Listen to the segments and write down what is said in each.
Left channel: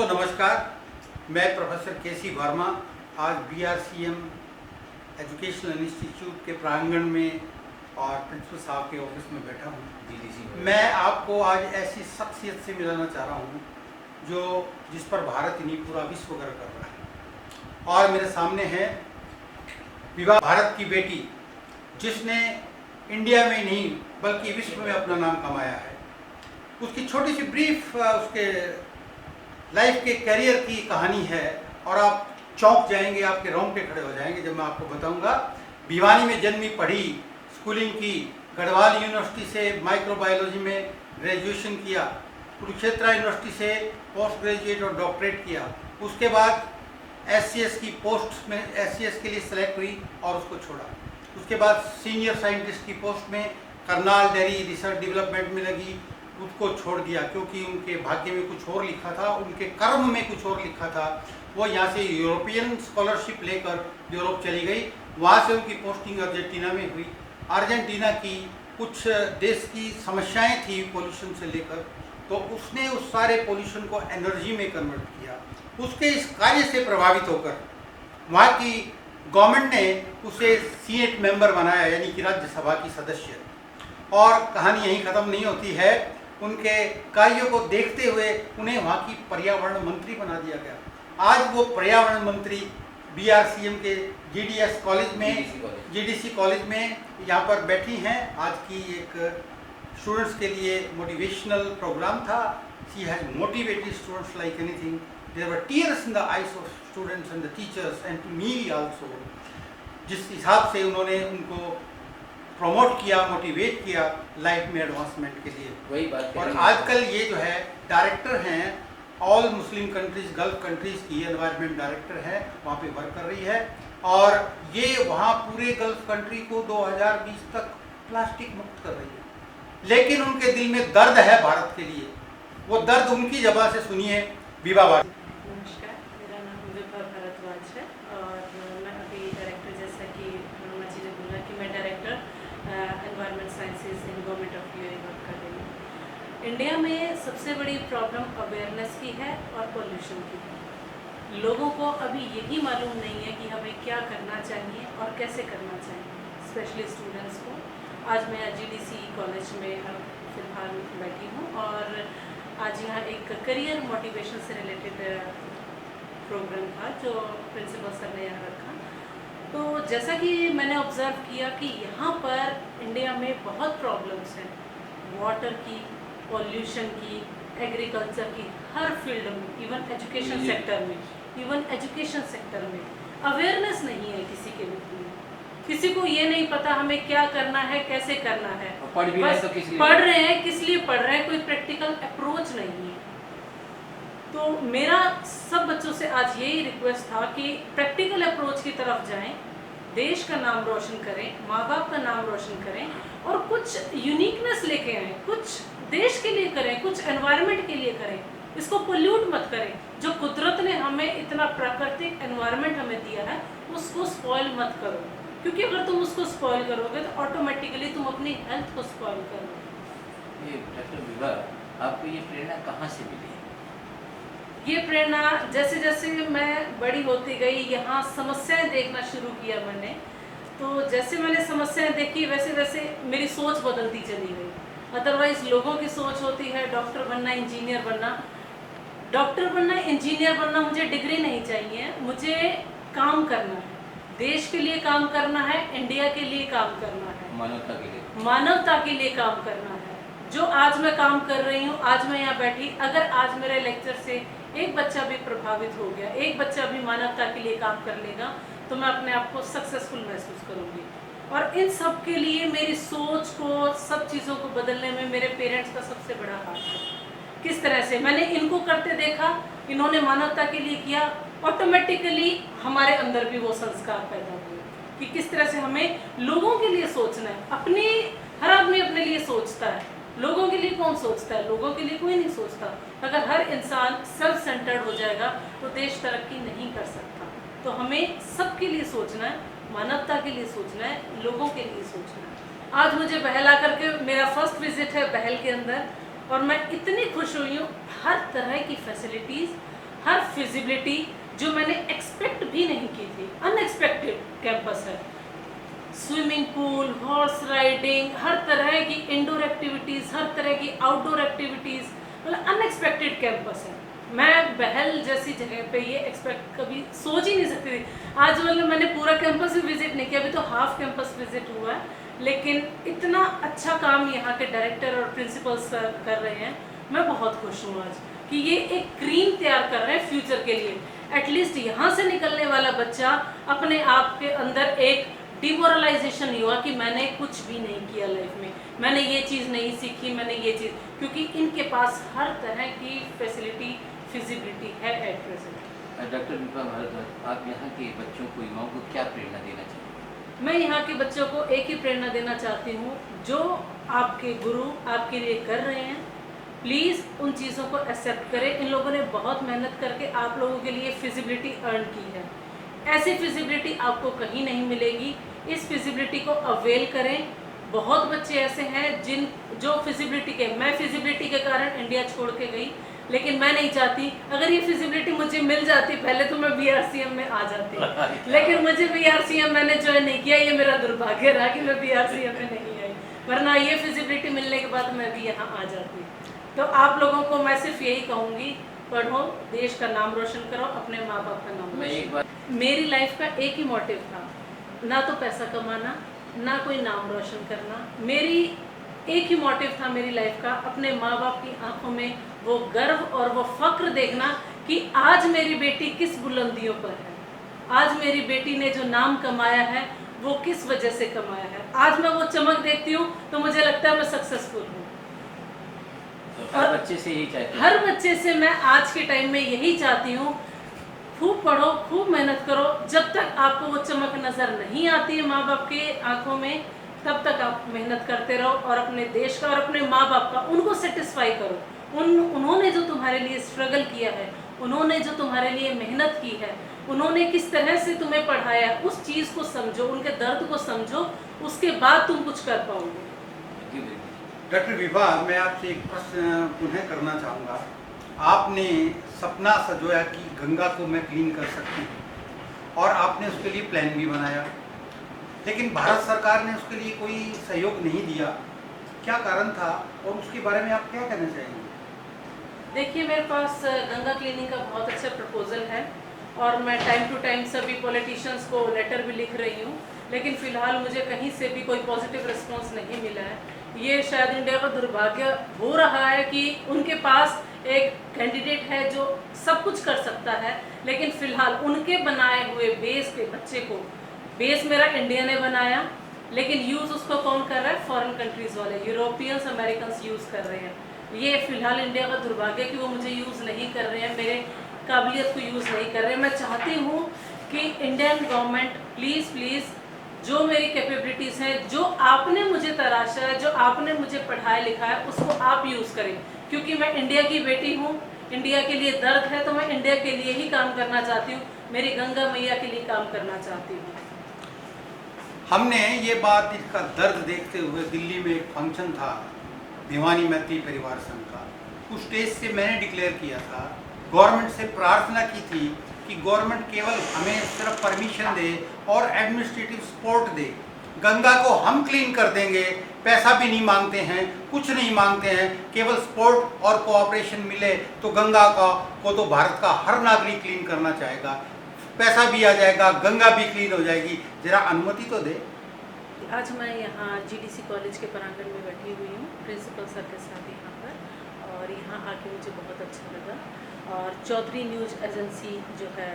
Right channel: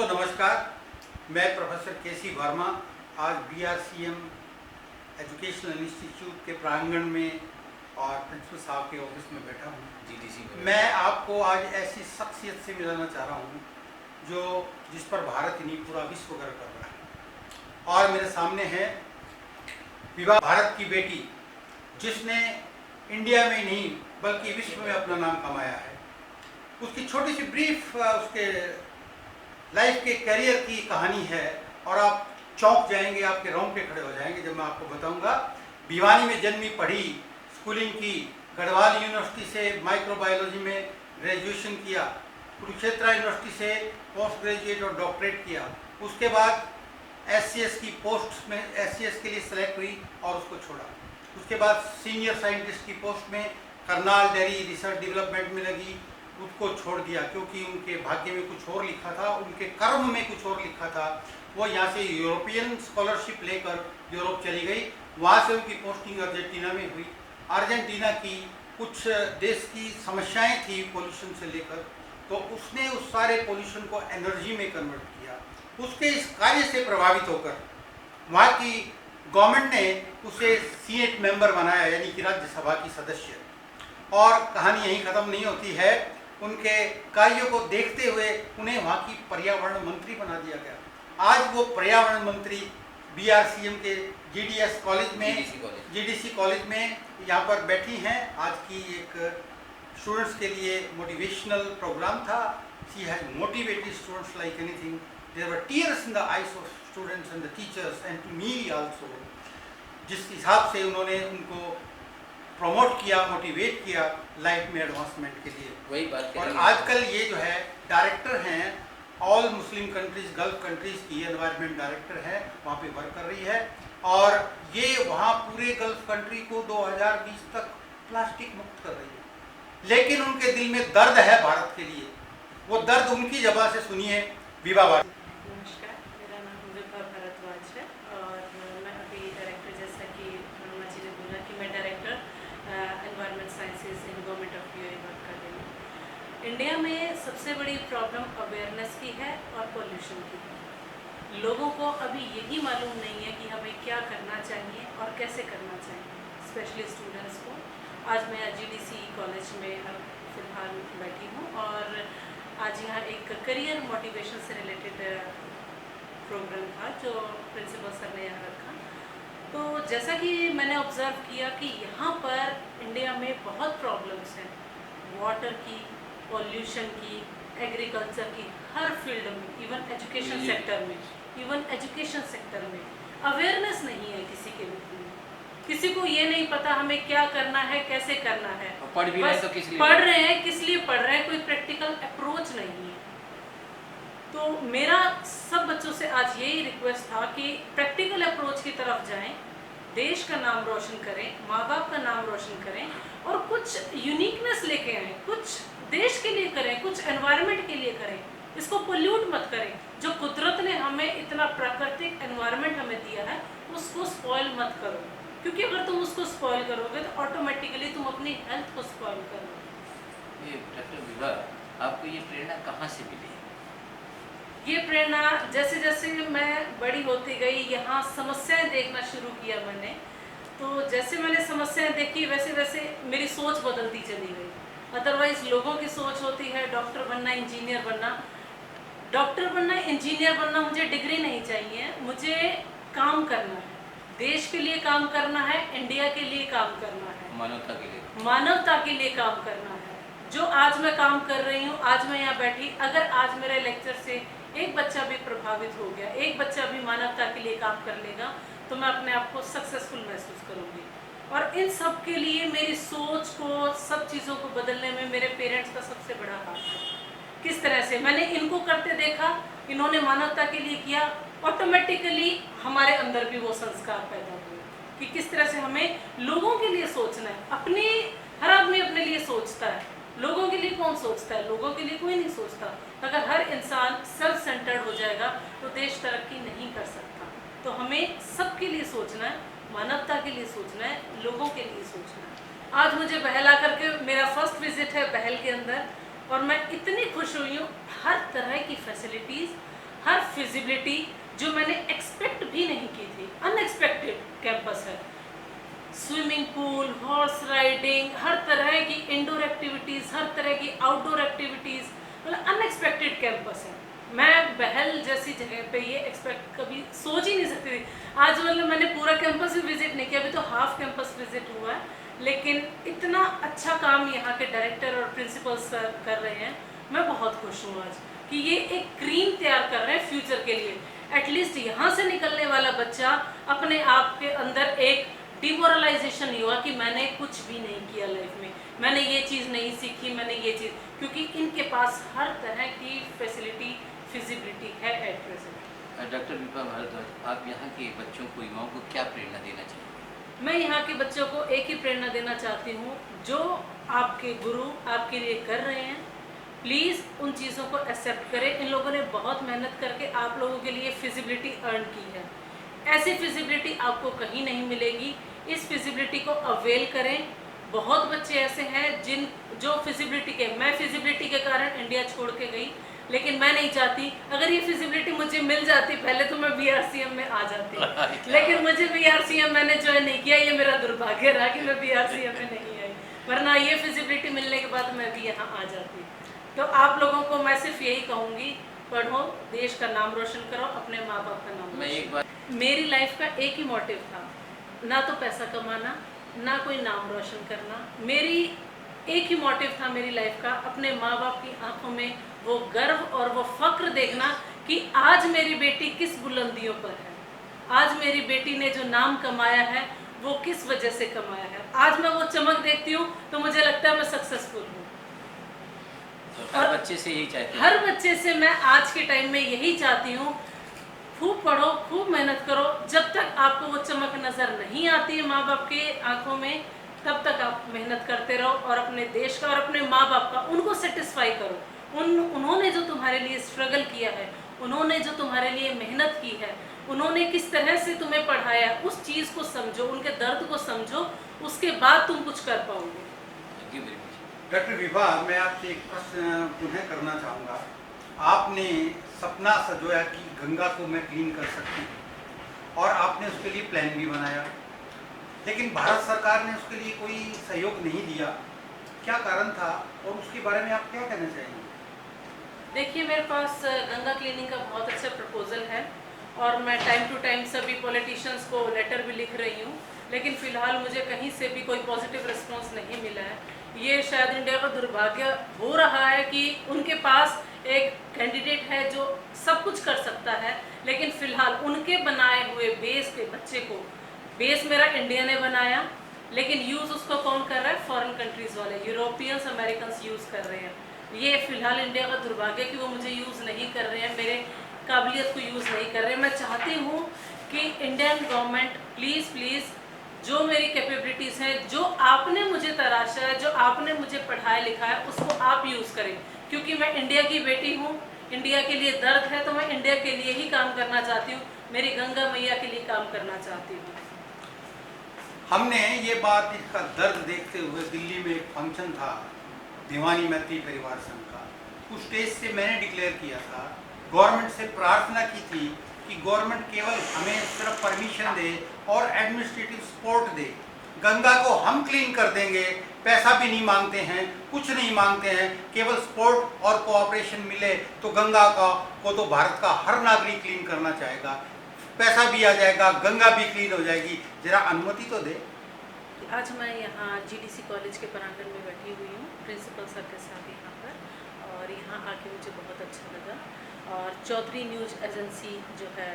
दोस्तों नमस्कार। मैं प्रोफेसर केसी वर्मा आज BRCM एजुकेशनल इंस्टीट्यूट के प्रांगण में और प्रिंसिपल साहब के ऑफिस में बैठा हूँ। मैं आपको आज ऐसी शख्सियत से मिलाना चाह रहा हूँ जिस पर भारत ही नहीं पूरा विश्व गर्व कर रहा है। और मेरे सामने है विभा, भारत की बेटी, जिसने इंडिया में नहीं बल्कि विश्व में अपना नाम कमाया है। उसकी छोटी सी ब्रीफ उसके लाइफ के करियर की कहानी है और आप चौंक जाएंगे, आपके रोंगटे खड़े हो जाएंगे जब मैं आपको बताऊंगा। भिवानी में जन्मी, पढ़ी, स्कूलिंग की, गढ़वाल यूनिवर्सिटी से माइक्रोबायोलॉजी में ग्रेजुएशन किया, कुरुक्षेत्र यूनिवर्सिटी से पोस्ट ग्रेजुएट और डॉक्टरेट किया। उसके बाद SCS की पोस्ट में SCS के लिए सेलेक्ट हुई और उसको छोड़ा। उसके बाद सीनियर साइंटिस्ट की पोस्ट में करनाल डेयरी रिसर्च डेवलपमेंट में लगी, उसको छोड़ दिया क्योंकि उनके भाग्य में कुछ और लिखा था, उनके कर्म में कुछ और लिखा था। वो यहाँ से यूरोपियन स्कॉलरशिप लेकर यूरोप चली गई। वहाँ से उनकी पोस्टिंग अर्जेंटीना में हुई। अर्जेंटीना की कुछ देश की समस्याएं थी पोल्यूशन से लेकर, तो उसने उस सारे पोल्यूशन को एनर्जी में कन्वर्ट किया। उसके इस कार्य से प्रभावित होकर वहाँ की गवर्नमेंट ने उसे सीनेट मेंबर बनाया, यानी कि राज्यसभा की सदस्य। और कहानी यहीं ख़त्म नहीं होती है। उनके कार्यों को देखते हुए उन्हें वहाँ की पर्यावरण मंत्री बना दिया गया। आज वो पर्यावरण मंत्री BRCM के GDS कॉलेज में, GDC कॉलेज में यहाँ पर बैठी हैं। आज की एक स्टूडेंट्स के लिए मोटिवेशनल प्रोग्राम था। She has motivated students like anything. There were tears in the eyes of students and the teachers and to me also. जिस हिसाब से उन्होंने उनको प्रमोट किया, मोटिवेट किया लाइफ में एडवांसमेंट के लिए। वही बात। और आजकल ये जो है डायरेक्टर हैं all Muslim countries, gulf countries की एनवायरनमेंट डायरेक्टर है, वहाँ पे वर्क कर रही है। और ये वहाँ पूरे गल्फ कंट्री को 2020 तक प्लास्टिक मुक्त कर रही है। लेकिन उनके दिल में दर्द है भारत के लिए। वो दर्द उनकी जबान से सुनिए। विभा। नमस्कार, मेरा नाम विभा भारद्वाज है और मैं अभी डायरेक्टर, जैसा कि हनुमा जी ने बोला कि मैं director environment sciences in government of UAE work कर रही हूँ। इंडिया में सबसे बड़ी प्रॉब्लम अवेयरनेस की है और पोल्यूशन की है। लोगों को अभी यही मालूम नहीं है कि हमें क्या करना चाहिए और कैसे करना चाहिए, स्पेशली स्टूडेंट्स को। आज मैं GDC कॉलेज में फ़िलहाल बैठी हूँ और आज यहाँ एक करियर मोटिवेशन से रिलेटेड प्रोग्राम था जो प्रिंसिपल सर ने यहाँ रखा। तो जैसा कि मैंने ऑब्ज़र्व किया कि यहाँ पर इंडिया में बहुत प्रॉब्लम्स हैं, वाटर की, पॉल्यूशन की, एग्रीकल्चर की, हर फील्ड में, इवन एजुकेशन सेक्टर में अवेयरनेस नहीं है किसी के भी। किसी को ये नहीं पता हमें क्या करना है, कैसे करना है। पढ़ भी बस तो किस लिए पढ़ रहे हैं, किस लिए पढ़ रहे हैं, कोई प्रैक्टिकल अप्रोच नहीं है। तो मेरा सब बच्चों से आज यही रिक्वेस्ट था कि प्रैक्टिकल अप्रोच की तरफ जाएं, देश का नाम रोशन करें, माँ बाप का नाम रोशन करें और कुछ यूनिकनेस लेके आएँ, कुछ देश के लिए करें, कुछ एनवायरनमेंट के लिए करें। इसको पोल्यूट मत करें। जो कुदरत ने हमें इतना प्राकृतिक एनवायरनमेंट हमें दिया है, उसको स्पॉइल मत करो, क्योंकि अगर तुम उसको स्पॉइल करोगे तो ऑटोमेटिकली तुम अपनी हेल्थ को स्पॉइल करोगे। ये डॉक्टर विभा, आपको ये प्रेरणा कहाँ से मिली? ये प्रेरणा जैसे जैसे मैं बड़ी होती गई, यहाँ समस्याएं देखना शुरू किया मैंने। तो जैसे मैंने समस्याएं देखी वैसे वैसे मेरी सोच बदलती चली गई। अदरवाइज लोगों की सोच होती है डॉक्टर बनना, इंजीनियर बनना। डॉक्टर बनना, इंजीनियर बनना, मुझे डिग्री नहीं चाहिए, मुझे काम करना है, देश के लिए काम करना है, इंडिया के लिए काम करना है, मानवता के लिए काम करना है। जो आज मैं काम कर रही हूँ, आज मैं यहाँ बैठी, अगर आज मेरे लेक्चर से एक बच्चा भी प्रभावित हो गया, एक बच्चा भी मानवता के लिए काम कर लेगा, तो मैं अपने आप को सक्सेसफुल महसूस करूँगी। और इन सब के लिए मेरी सोच को, सब चीज़ों को बदलने में मेरे पेरेंट्स का सबसे बड़ा हाथ है। किस तरह से मैंने इनको करते देखा, इन्होंने मानवता के लिए किया, ऑटोमेटिकली हमारे अंदर भी वो संस्कार पैदा हुए कि किस तरह से हमें लोगों के लिए सोचना है। अपने हर आदमी अपने लिए सोचता है, लोगों के लिए कौन सोचता है? लोगों के लिए कोई नहीं सोचता। अगर हर इंसान सेल्फ सेंटर्ड हो जाएगा तो देश तरक्की नहीं कर सकता। तो हमें सबके लिए सोचना है, मानवता के लिए सोचना है, लोगों के लिए सोचना है। आज मुझे बहल आकर के, मेरा फर्स्ट विजिट है बहल के अंदर, और मैं इतनी खुश हुई हूँ। हर तरह की फैसिलिटीज़, हर फिजिबिलिटी जो मैंने एक्सपेक्ट भी नहीं की थी, अनएक्सपेक्टेड कैंपस है। स्विमिंग पूल, हॉर्स राइडिंग, हर तरह की इंडोर एक्टिविटीज़, हर तरह की आउटडोर एक्टिविटीज़, मतलब अनएक्सपेक्टेड कैंपस है। मैं बहल जैसी जगह पे ये एक्सपेक्ट कभी सोच ही नहीं सकती थी। आज मतलब मैंने पूरा कैंपस भी विजिट नहीं किया, अभी तो हाफ कैंपस विजिट हुआ है, लेकिन इतना अच्छा काम यहाँ के डायरेक्टर और प्रिंसिपल्स कर रहे हैं। मैं बहुत खुश हूँ आज कि ये एक क्रीम तैयार कर रहे हैं फ्यूचर के लिए। एटलीस्ट यहाँ से निकलने वाला बच्चा अपने आप के अंदर एक डिमोरलाइजेशन हुआ कि मैंने कुछ भी नहीं किया लाइफ में, मैंने ये चीज़ नहीं सीखी, मैंने ये चीज़, क्योंकि इनके पास हर तरह की फैसिलिटी, फिजिबिलिटी है at present. Doctor Vibha Bhardwaj, आप यहाँ के बच्चों को, युवाओं को क्या प्रेरणा देना चाहिए? मैं यहाँ के बच्चों को एक ही प्रेरणा देना चाहती हूँ, जो आपके गुरु आपके लिए कर रहे हैं, प्लीज़ उन चीज़ों को एक्सेप्ट करें। इन लोगों ने बहुत मेहनत करके आप लोगों के लिए फिजिबिलिटी अर्न की है। ऐसी फिजिबिलिटी आपको कहीं नहीं मिलेगी। इस फिजिबिलिटी को अवेल करें। बहुत बच्चे ऐसे हैं जो फिजिबिलिटी के, मैं फिजिबिलिटी के कारण इंडिया छोड़ के गई, लेकिन मैं नहीं चाहती, अगर ये फिजिबिलिटी मुझे मिल जाती पहले तो मैं BRCM में आ जाती, लेकिन मुझे BRCM मैंने ज्वाइन नहीं किया। ये मेरा दुर्भाग्य रहा कि मैं BRCM में नहीं आई, वरना ये फिजिबिलिटी मिलने के बाद मैं भी यहाँ आ जाती। तो आप लोगों को मैं सिर्फ यही कहूँगी, पढ़ो, देश का नाम रोशन करो, अपने माँ बाप का नाम रोशन। मेरी लाइफ का एक ही मोटिव था, ना तो पैसा कमाना, ना कोई नाम रोशन करना। मेरी एक ही मोटिव था मेरी लाइफ का, अपने माँ बाप की आंखों में वो गर्व और वो फक्र देखना कि आज मेरी बेटी किस बुलंदियों पर है, आज मेरी बेटी ने जो नाम कमाया है वो किस वजह से कमाया है। आज मैं वो चमक देखती हूँ तो मुझे लगता है मैं सक्सेसफुल हूँ। तो हर बच्चे से यही चाहते हैं? हर बच्चे से मैं आज के टाइम में यही चाहती हूँ, खूब पढ़ो, खूब मेहनत करो। जब तक आपको वो चमक नज़र नहीं आती है माँ बाप के आंखों में, तब तक आप मेहनत करते रहो और अपने देश का और अपने माँ बाप का, उनको सेटिस्फाई करो। उन्होंने जो तुम्हारे लिए स्ट्रगल किया है, उन्होंने जो तुम्हारे लिए मेहनत की है, उन्होंने किस तरह से तुम्हें पढ़ाया, उस चीज़ को समझो, उनके दर्द को समझो, उसके बाद तुम कुछ कर पाओगे। डॉक्टर विभा, मैं आपसे एक प्रश्न पुनः करना चाहूँगा। आपने सपना सजोया कि गंगा को मैं क्लीन कर सकती हूँ और आपने उसके लिए प्लान भी बनाया, लेकिन भारत सरकार ने उसके लिए कोई सहयोग नहीं दिया। क्या कारण था और उसके बारे में आप क्या कहना चाहेंगे? देखिए, मेरे पास गंगा क्लीनिंग का बहुत अच्छा प्रपोजल है और मैं टाइम टू टाइम सभी पॉलिटिशियंस को लेटर भी लिख रही हूँ, लेकिन फ़िलहाल मुझे कहीं से भी कोई पॉजिटिव रिस्पांस नहीं मिला है। ये शायद इंडिया का दुर्भाग्य हो रहा है कि उनके पास एक कैंडिडेट है जो सब कुछ कर सकता है, लेकिन फ़िलहाल उनके बनाए हुए बेस पे बच्चे को, बेस मेरा इंडिया ने बनाया, लेकिन यूज़ उसको कौन कर रहा है? फॉरेन कंट्रीज़ वाले, यूरोपियंस, अमेरिकन्स यूज़ कर रहे हैं। ये फ़िलहाल इंडिया का दुर्भाग्य कि वो मुझे यूज़ नहीं कर रहे हैं, मेरे काबिलियत को यूज़ नहीं कर रहे हैं। मैं चाहती हूँ कि इंडियन गवर्नमेंट प्लीज़ जो मेरी कैपेबिलिटीज़ हैं, जो आपने मुझे तराशा है, जो आपने मुझे पढ़ाया लिखाया है, उसको आप यूज़ करें, क्योंकि मैं इंडिया की बेटी हूँ। इंडिया के लिए दर्द है तो मैं इंडिया के लिए ही काम करना चाहती हूँ, मेरी गंगा मैया के लिए काम करना चाहती हूँ। हमने ये बात, इसका दर्द देखते हुए दिल्ली में एक फंक्शन था भिवानी मैत्री परिवार संघ का, उस स्टेज से मैंने डिक्लेयर किया था, गवर्नमेंट से प्रार्थना की थी कि गवर्नमेंट केवल हमें सिर्फ परमिशन दे और एडमिनिस्ट्रेटिव सपोर्ट दे, गंगा को हम क्लीन कर देंगे, पैसा भी नहीं मांगते हैं, कुछ नहीं मांगते हैं, केवल सपोर्ट और कोऑपरेशन मिले तो गंगा को तो भारत का हर नागरिक क्लीन करना चाहेगा, पैसा भी आ जाएगा, गंगा भी क्लीन हो जाएगी, जरा अनुमति तो दे। आज मैं यहाँ GDC कॉलेज के प्रांगण में बैठी हुई हूँ प्रिंसिपल सर के साथ यहाँ पर, और यहाँ आके मुझे बहुत अच्छा लगा। और चौधरी न्यूज़ एजेंसी जो है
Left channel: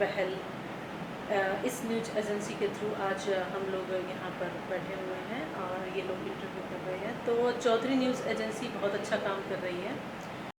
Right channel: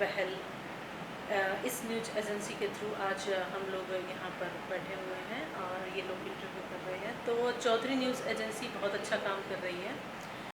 बहल, इस न्यूज़ एजेंसी के थ्रू आज हम लोग यहाँ पर बैठे हुए हैं और ये लोग इंटरव्यू कर रहे हैं। तो चौधरी न्यूज़ एजेंसी बहुत अच्छा काम कर रही है